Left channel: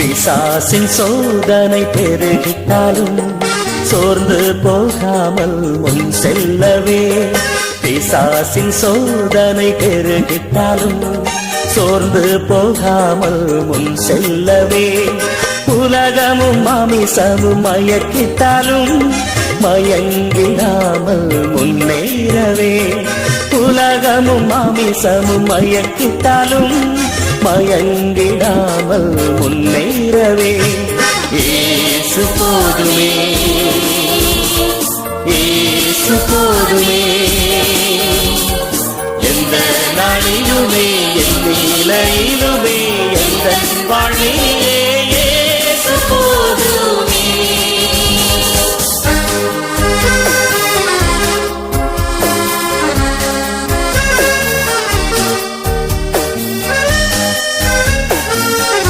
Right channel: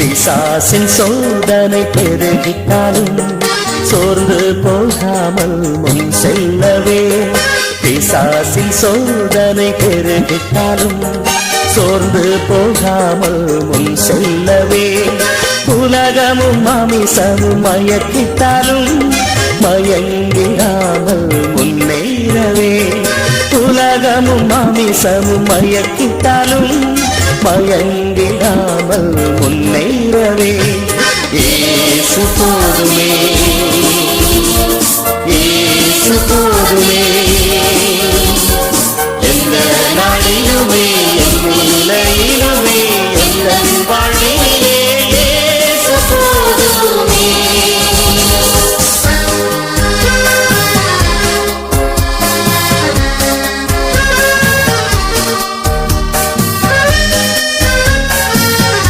பிசாசின் சோதனை பெருகிட்டாலும் சோர்ந்து போகாமல் முன் செல்லவே. பிசாசின் சோதனை பெருகிட்டாலும் சோர்ந்து போகாமல் முன் செல்லவே. உலகமும் மாமிசமும் மயக்கிட்டாலும் மயங்கிடாமல் முன்னேறவே. உலகமும் மாமிசமும் மயக்கிட்டாலும் மயங்கிடாமல் முன்னேறவே. இயேசு போதுமே, இயேசு போதுமே. எந்த நாளிலுமே என் நிலையிலுமே எந்த வாழ்வே